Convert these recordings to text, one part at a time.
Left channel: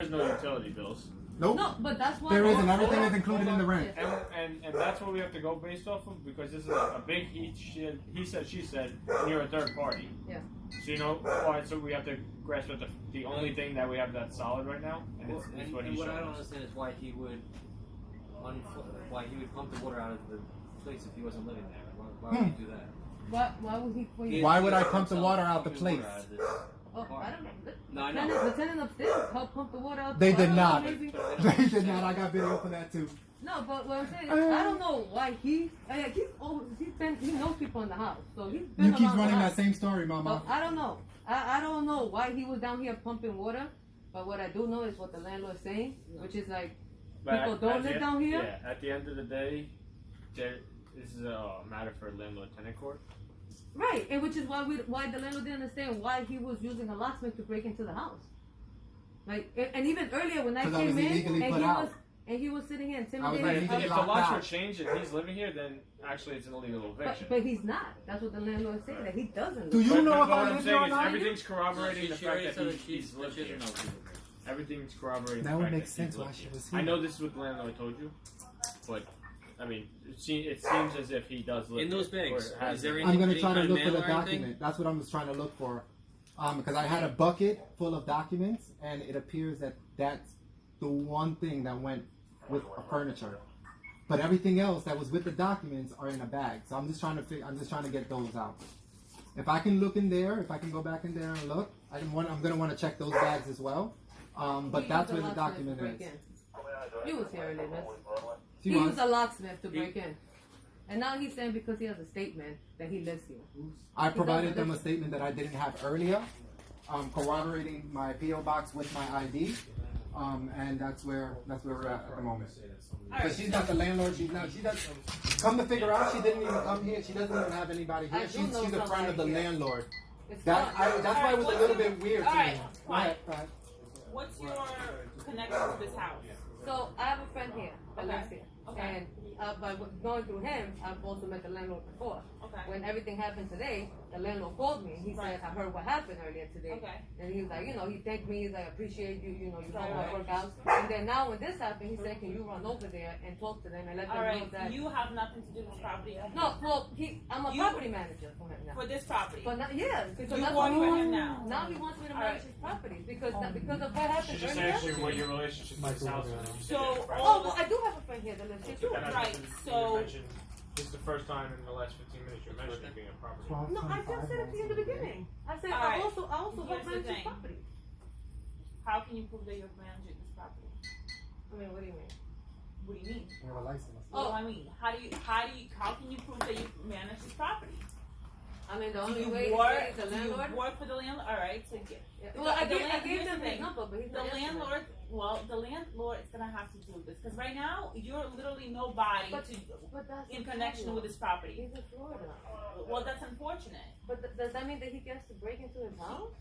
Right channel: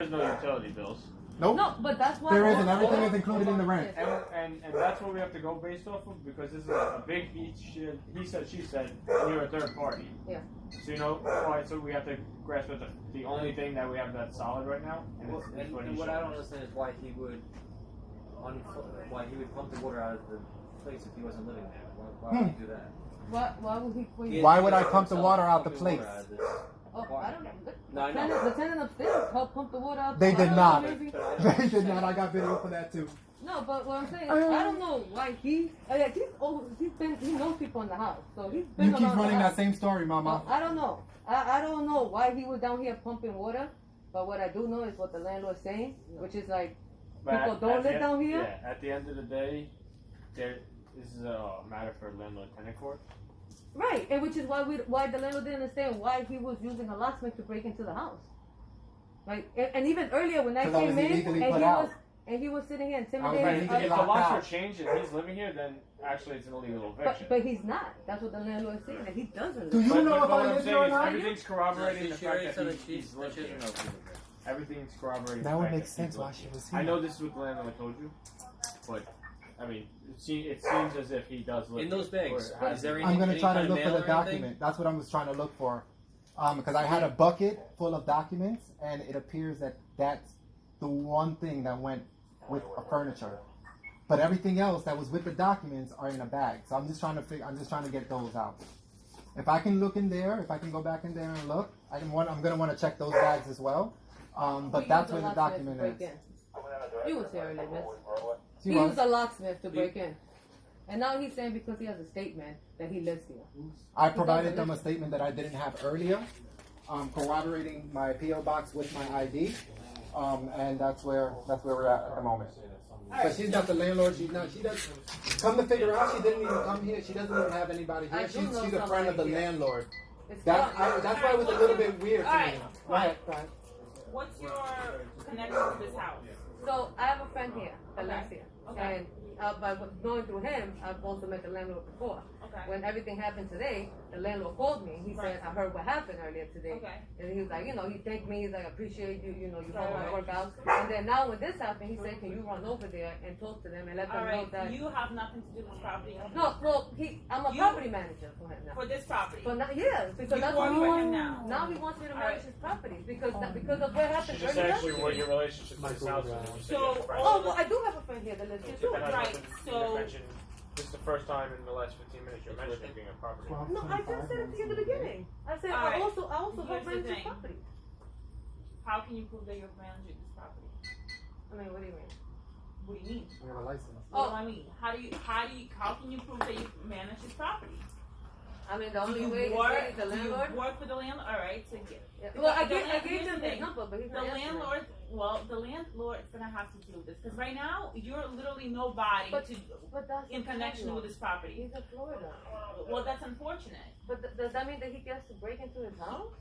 There's no utility bills. Nope. No, but that's why There isn't. Everything is included in the rent. And that's what we have to go based off of, because this is a big he said, she said, and you're a third party. Yeah. So you know, so we have to grasp at the only thing that we have that's solid right now, and it's what he's what I showing don't us. understand is why he would pump the water out of the place if he wasn't living there. Why would he do that? Why would he? Why would I pump the water out the place? Oh, I don't know. No, I know. The tenant upstairs helped pump the water out. They did not. Maybe. They did not. I got video for that too. No, but what I'm saying, I don't know why he knows people in the house, so he's been. You keep around running the that house. same story, Mama. So, I don't know. I don't know why he was down here pumping water, but what I do know is what the landlord's saying, which is like people don't live down here. Yeah, at the end of the day, this is a matter for landlord-tenant court. Right, and which is why the landlord didn't understand why he was using a locksmith to break into the house. Right, and even earlier when I came in, and he was sitting here intimidating. If the locks were changed and he's living here, then actually it's an illegal eviction. But he's not. That's what the landlord is saying, that he doesn't. Do you know if what I I'm live saying here or is not? everything's corroborating the fact that he's lived here. Everything's corroborating. That would make sense why she was here. I know this is what the landlord told you, but I mean, it seems as if he does live in those bags. I'm going to try to look for the document. That's what I was trying to look for. Because I had a bucket full of documents, and it appears that that's the one thing that went with a furniture. But everything else that was with the documents are in a bag. So I'm just trying to get those out. If I can look in there, if I can go back in there and look, I'm going to want to check those bags as well. But that's where the document is. He was here earlier. He was a locksmith to break in. And now he's saying because he has a statement that he lives here. I provided them a statement that I didn't have earlier, corroborating my P.O. box with my ID, and that's where we're at the moment. Because she's not the landlord. She doesn't. Come to figure out, she didn't even come here. She doesn't even have anybody here. She's a friend of the landlord. That's why it was a little bit weird to me. Right. What's your connection with this house? So I have a friend here that lives here, and by going through him, I've also met the landlord before. Okay. When everything happened today, the landlord called me. He said, "I heard what happened earlier today." Okay. And he was like, he thanked me. He's like, "I appreciate you. You helped my work out." And then now when this happened, he said, "Can you run over there and talk to them and let them know that?" You have nothing to do with this property. No, well, I'm a property manager for him now. For this property. Well, now, yeah, because that's work for him now. Now he wants me to manage his property because of what happened She just earlier. asked you what your relationship with this house is. So, well, I do have a friend here that lives here too. Right, so this is the first time in the last 15 minutes you're mentioning being a property. No, I just said it to you in the beginning. I said I also help manage this property. how can you prove that you're managing this property? I mean, what do you mean? What do you mean? You have a license. Oh, I mean, how can you prove that you manage this property? I mean, the Do only you way work? is the Do you landlord. work for the landlord? All right, so get. Well, I gave Here's him the his thing. number, but he's The not answering. landlord. Well, the landlord is gonna have to do this because right now you're literally nobody But that's in connection with this property. He's in Florida. Well, that's unfortunate. But does that mean that he gets to break into his house?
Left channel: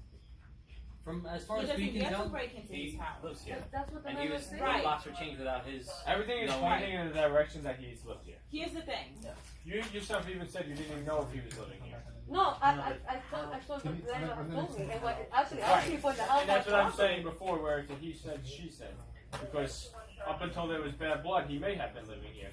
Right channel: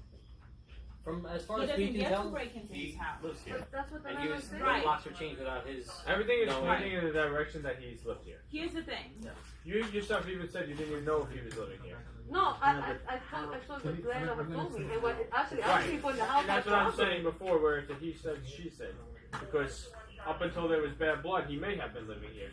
From as far He as doesn't we can get to tell, break into his house. lives here. But that's what the And he landlord was said. Right. the locks were changed without his. Everything is No. pointing in the direction that he's lived here. Here's the thing. You yourself even said you didn't even know if he was living here. No, I told the landlord told me. And actually, for the house. And that's what I'm saying before, where it's a he said, she said. Because up until there was bad blood, he may have been living here.